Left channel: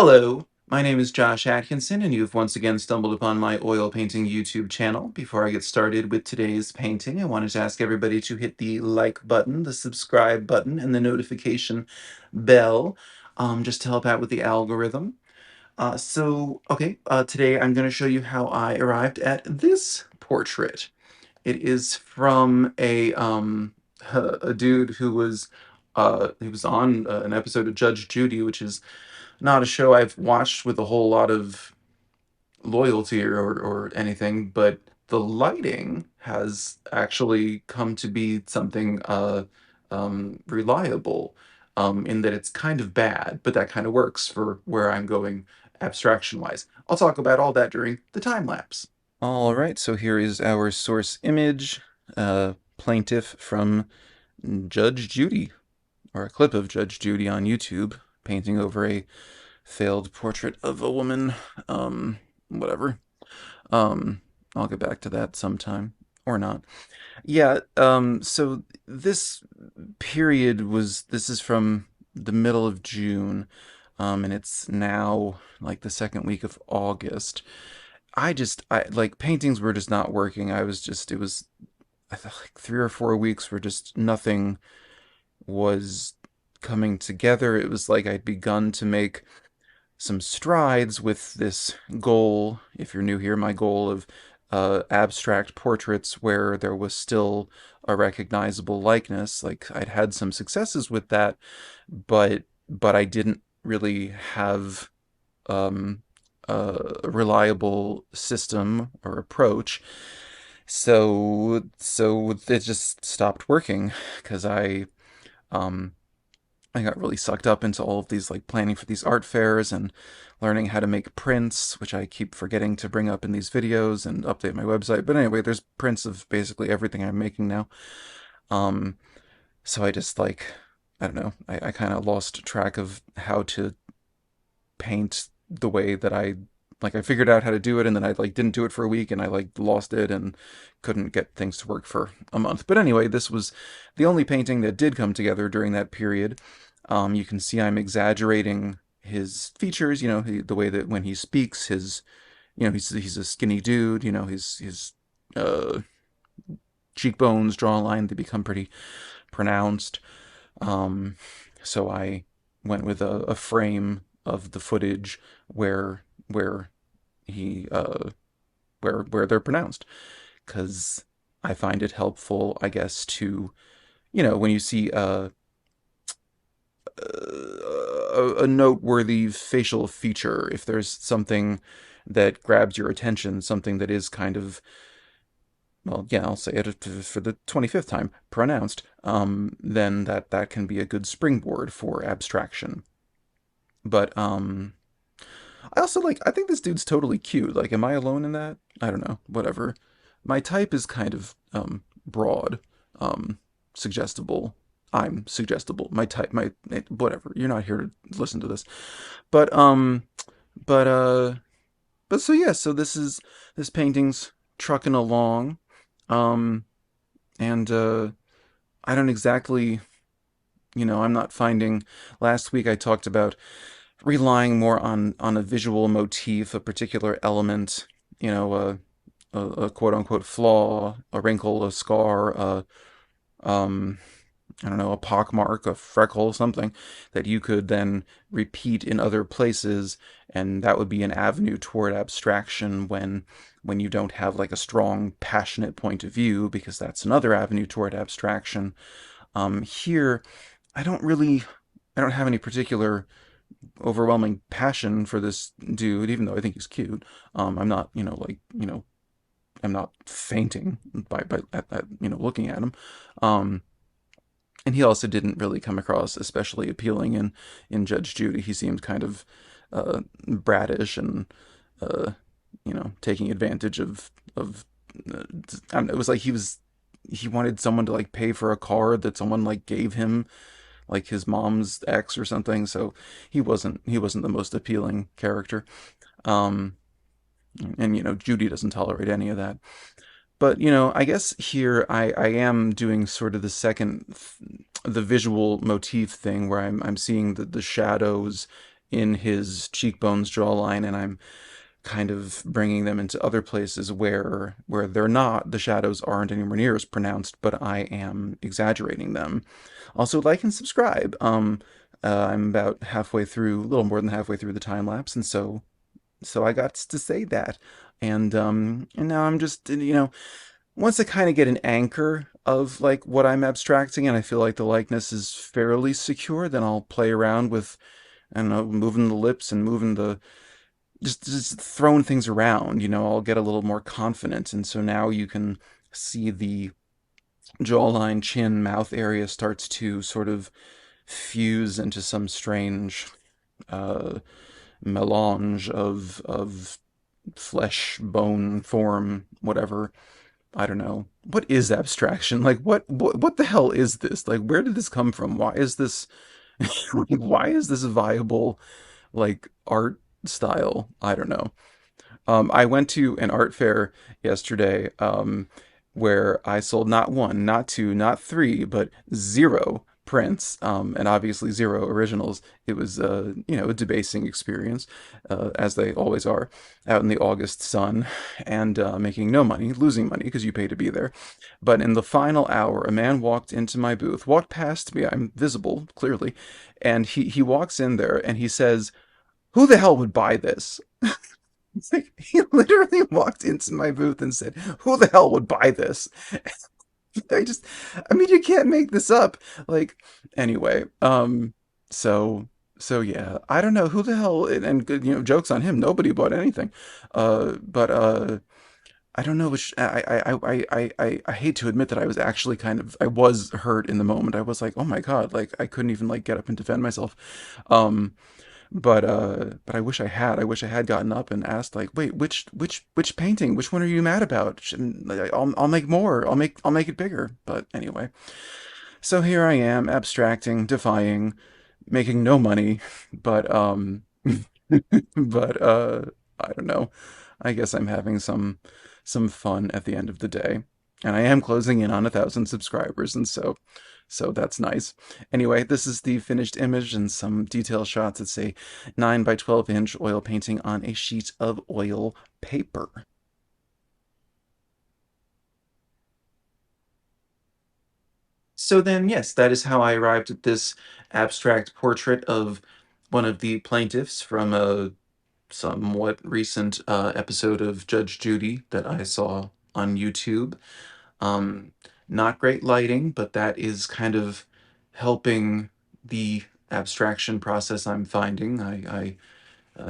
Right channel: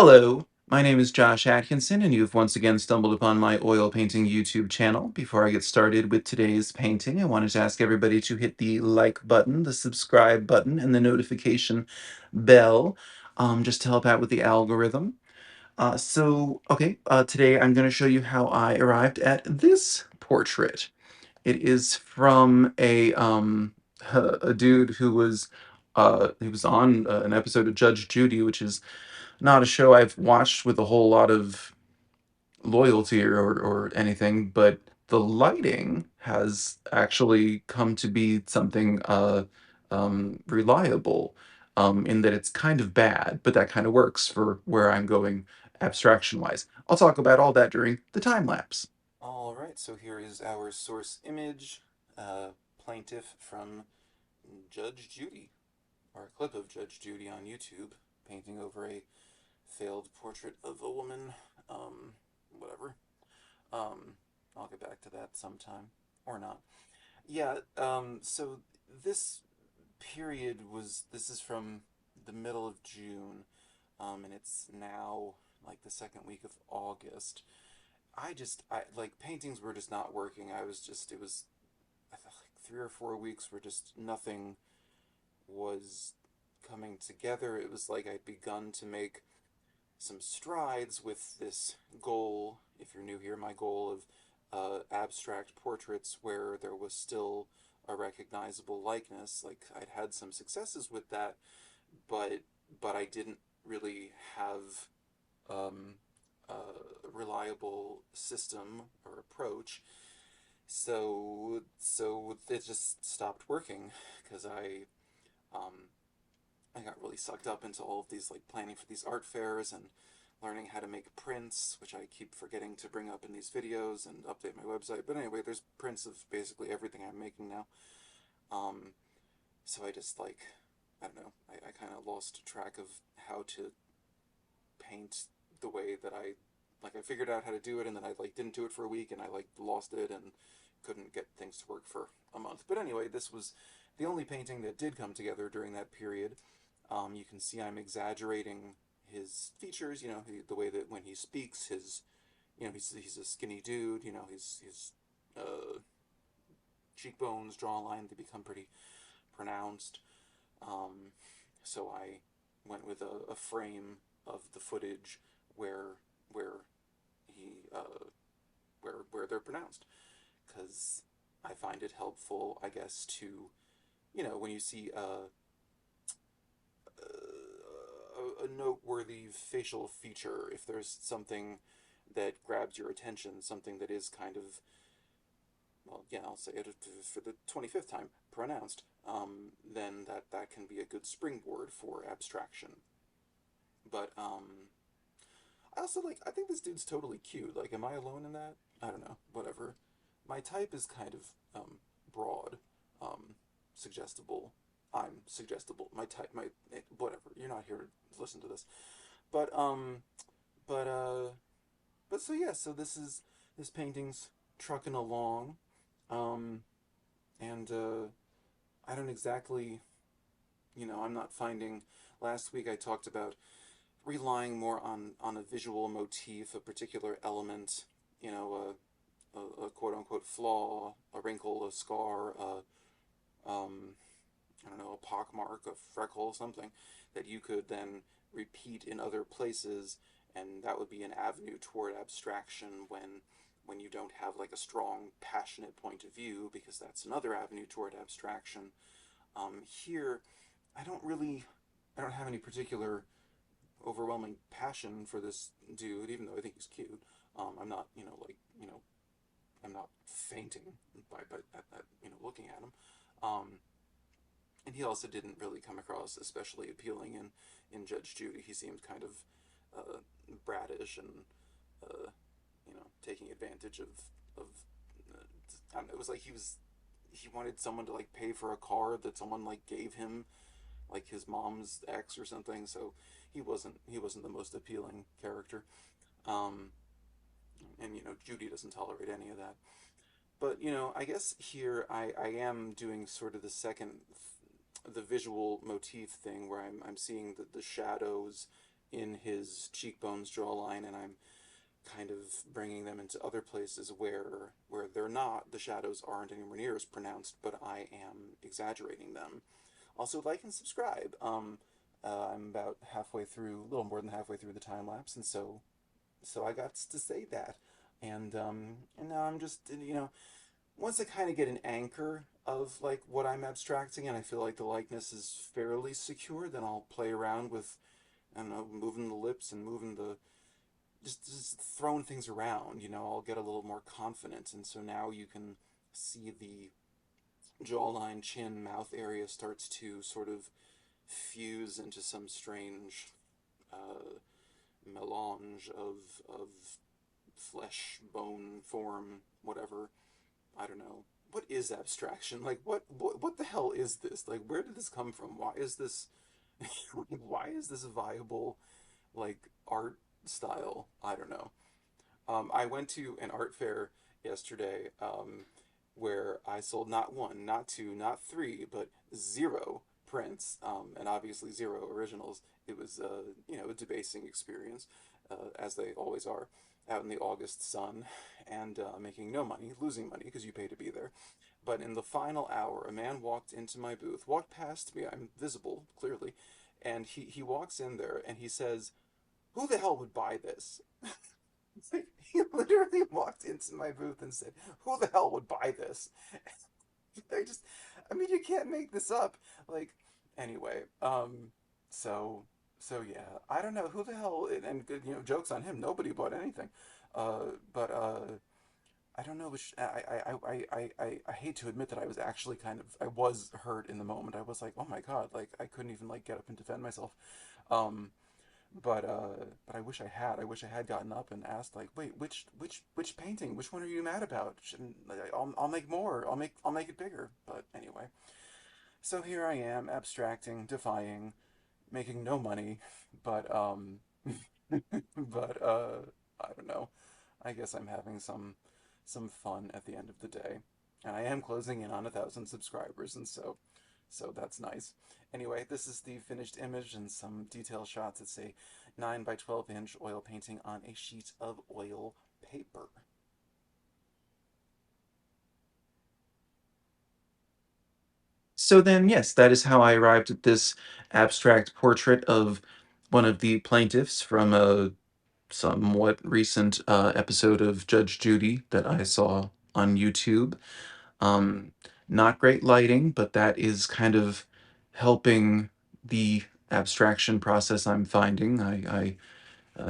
Hello, my name is Josh Atkinson, and you've once again stumbled upon my oil painting YouTube channel. Before I get started with today's painting, I wanted to ask everybody to hit the like button, the subscribe button, and the notification bell, just to help out with the algorithm. Today I'm going to show you how I arrived at this portrait. It is from a dude who was he was on an episode of Judge Judy, which is not a show I've watched with a whole lot of loyalty or anything, but the lighting has actually come to be something reliable, in that it's kind of bad, but that kind of works for where I'm going abstraction-wise. I'll talk about all that during the time lapse. All right, so here is our source image, plaintiff from Judge Judy, or a clip of Judge Judy on YouTube, painting over a failed portrait of a woman. Whatever. Um, I'll get back to that sometime, or not. Yeah, so this is from the middle of June, and it's now like the second week of August. I like paintings were just not working. It was, I thought like 3 or 4 weeks where just nothing was coming together. It was like I'd begun to make some strides with this goal. If you're new here, my goal of abstract portraits where there was still a recognizable likeness. Like I'd had some successes with that, but I didn't really have um, a reliable system or approach. So it just stopped working because um, I got really sucked up into all of these, like planning for these art fairs and learning how to make prints, which I keep forgetting to bring up in these videos and update my website. But anyway, there's prints of basically everything I'm making now. Um, so I just like, I don't know, I kind of lost track of how to paint the way that I figured out how to do it, and then I like didn't do it for a week and I like lost it and couldn't get things to work for a month. But anyway, this was the only painting that did come together during that period. You can see I'm exaggerating his features, the way that when he speaks, he's a skinny dude, his uh, cheekbones, jawline, they become pretty pronounced. Um, so I went with a frame of the footage where he where they're pronounced, because I find it helpful, I guess, to when you see a noteworthy facial feature, if there's something that grabs your attention, something that is kind of, well, yeah, I'll say it for the 25th time, pronounced, then that can be a good springboard for abstraction. But I think this dude's totally cute. Like, am I alone in that? I don't know. Whatever. My type is kind of broad, suggestible. I'm suggestible. My type, whatever. You're not here to listen to this, but but uh, but so yeah. So this painting's trucking along, um, and I don't exactly, I'm not finding. Last week I talked about relying more on a visual motif, a particular element, a quote unquote flaw, a wrinkle, a scar, um, I don't know, a pockmark, a freckle, something that you could then repeat in other places, and that would be an avenue toward abstraction when you don't have like a strong, passionate point of view, because that's another avenue toward abstraction. Here, I don't really, I don't have any particular overwhelming passion for this dude, even though I think he's cute. I'm not, I'm not fainting by looking at him. Um, and he also didn't really come across especially appealing in Judge Judy. He seemed kind of bratish and taking advantage of. I don't know, it was like he wanted someone to like pay for a car that someone like gave him, like his mom's ex or something. So he wasn't the most appealing character. Um, and Judy doesn't tolerate any of that. But I guess here I am doing sort of the visual motif thing where I'm seeing the shadows in his cheekbones jawline, and I'm kind of bringing them into other places where they're not, the shadows aren't anywhere near as pronounced, but I am exaggerating them. Also, like and subscribe. I'm about halfway through, a little more than halfway through the time lapse, and so I got to say that. And now I'm just, once I kind of get an anchor of like what I'm abstracting, and I feel like the likeness is fairly secure, then I'll play around with, I don't know, moving the lips and moving the, just throwing things around. I'll get a little more confident, and so now you can see the jawline, chin, mouth area starts to sort of fuse into some strange uh, melange of flesh, bone, form, whatever. I don't know. What is abstraction? Like, what the hell is this? Like, where did this come from? Why is this why is this a viable like art style? I don't know. I went to an art fair yesterday, where I sold not one, not two, not three, but zero prints, and obviously zero originals. It was, a debasing experience, as they always are, out in the August sun, and making no money, losing money because you pay to be there. But in the final hour, a man walked into my booth, walked past me. I'm visible, clearly, and he walks in there and he says, "Who the hell would buy this?" It's like he literally walked into my booth and said, "Who the hell would buy this?" I just, I mean, you can't make this up. Like, anyway, so, so yeah, I don't know who the hell, and good, jokes on him. Nobody bought anything. But I don't know which. I hate to admit that I was actually I was hurt in the moment. I was like, oh my God, like I couldn't even like get up and defend myself. Um, but I wish I had. I wish I had gotten up and asked like, wait, which painting? Which one are you mad about? I'll make more. I'll make it bigger. But anyway, so here I am, abstracting, defying, making no money, but but I don't know. I guess I'm having some fun at the end of the day. And I am closing in on 1,000 subscribers, and so that's nice. Anyway, this is the finished image and some detail shots. It's a 9 by 12-inch oil painting on a sheet of oil paper. So then, yes, that is how I arrived at this abstract portrait of one of the plaintiffs from a somewhat recent episode of Judge Judy that I saw on YouTube. Um, Not great lighting, but that is kind of helping the abstraction process I'm finding.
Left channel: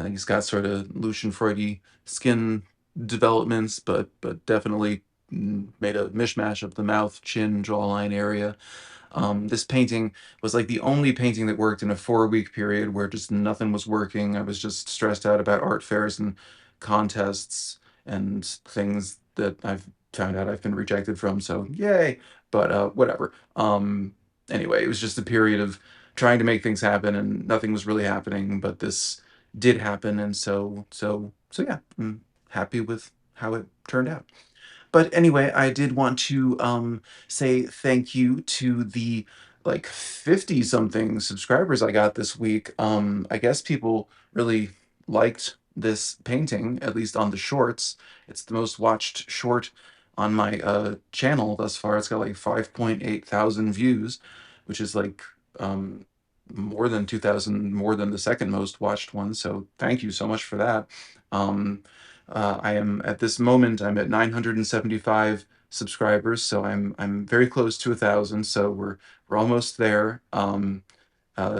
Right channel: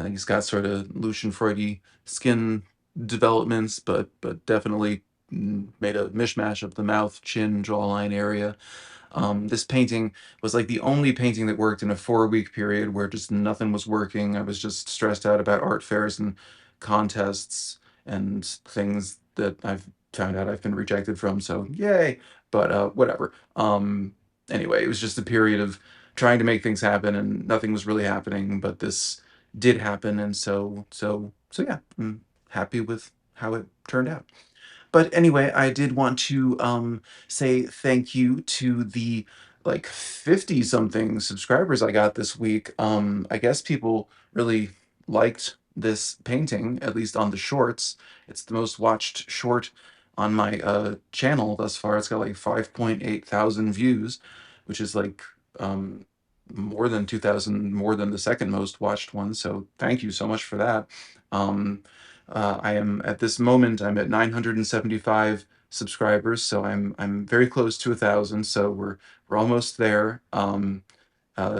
He's got sort of Lucian Freudy skin developments, but definitely made a mishmash of the mouth, chin, jawline area. This painting was like the only painting that worked in a 4-week period where just nothing was working. I was just stressed out about art fairs and contests and things that I've found out I've been rejected from. So yay, but whatever. Anyway, it was just a period of trying to make things happen and nothing was really happening, but this did happen, and so yeah, I'm happy with how it turned out. But anyway, I did want to say thank you to the like 50 something subscribers I got this week. I guess people really liked this painting, at least on the shorts. It's the most watched short on my channel thus far. It's got like 5.8 thousand views, which is like um, more than 2,000 more than the second most watched one. So thank you so much for that. Um, I am at this moment I'm at 975 subscribers, so I'm very close to 1,000. So we're almost there.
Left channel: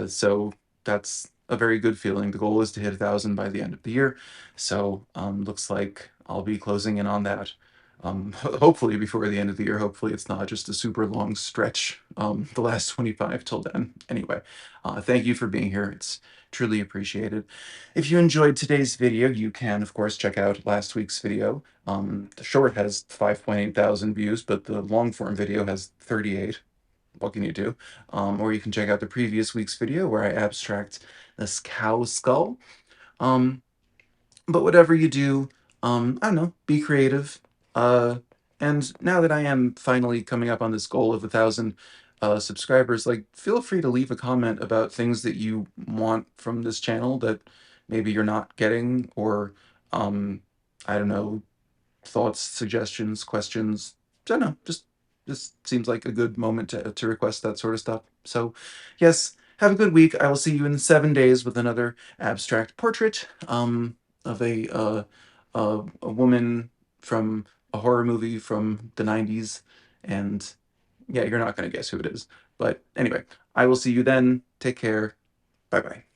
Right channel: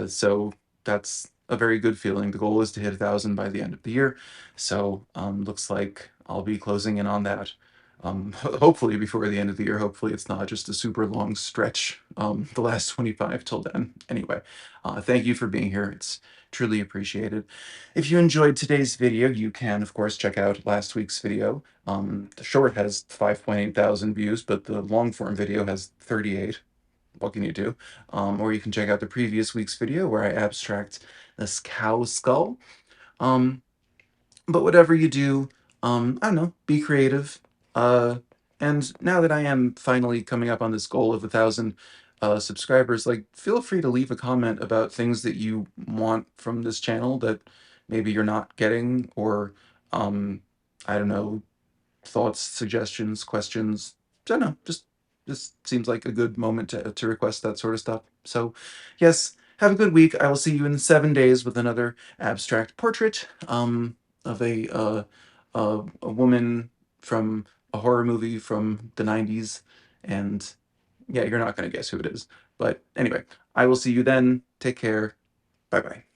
So that's a very good feeling. The goal is to hit 1,000 by the end of the year. So looks like I'll be closing in on that. Hopefully before the end of the year. Hopefully it's not just a super long stretch. The last 25 till then. Anyway, thank you for being here. It's truly appreciated. If you enjoyed today's video, you can, of course, check out last week's video. The short has 5.8 thousand views, but the long form video has 38. What can you do? Or you can check out the previous week's video where I abstract this cow skull. Um, but whatever you do, I don't know, be creative. Uh, and now that I am finally coming up on this goal of 1,000, subscribers, like feel free to leave a comment about things that you want from this channel that maybe you're not getting, or um, I don't know, thoughts, suggestions, questions. I don't know, just this seems like a good moment to request that sort of stuff. So, yes, have a good week. I will see you in 7 days with another abstract portrait of a woman from a horror movie from the 90s. And yeah, you're not going to guess who it is. But anyway, I will see you then. Take care. Bye bye.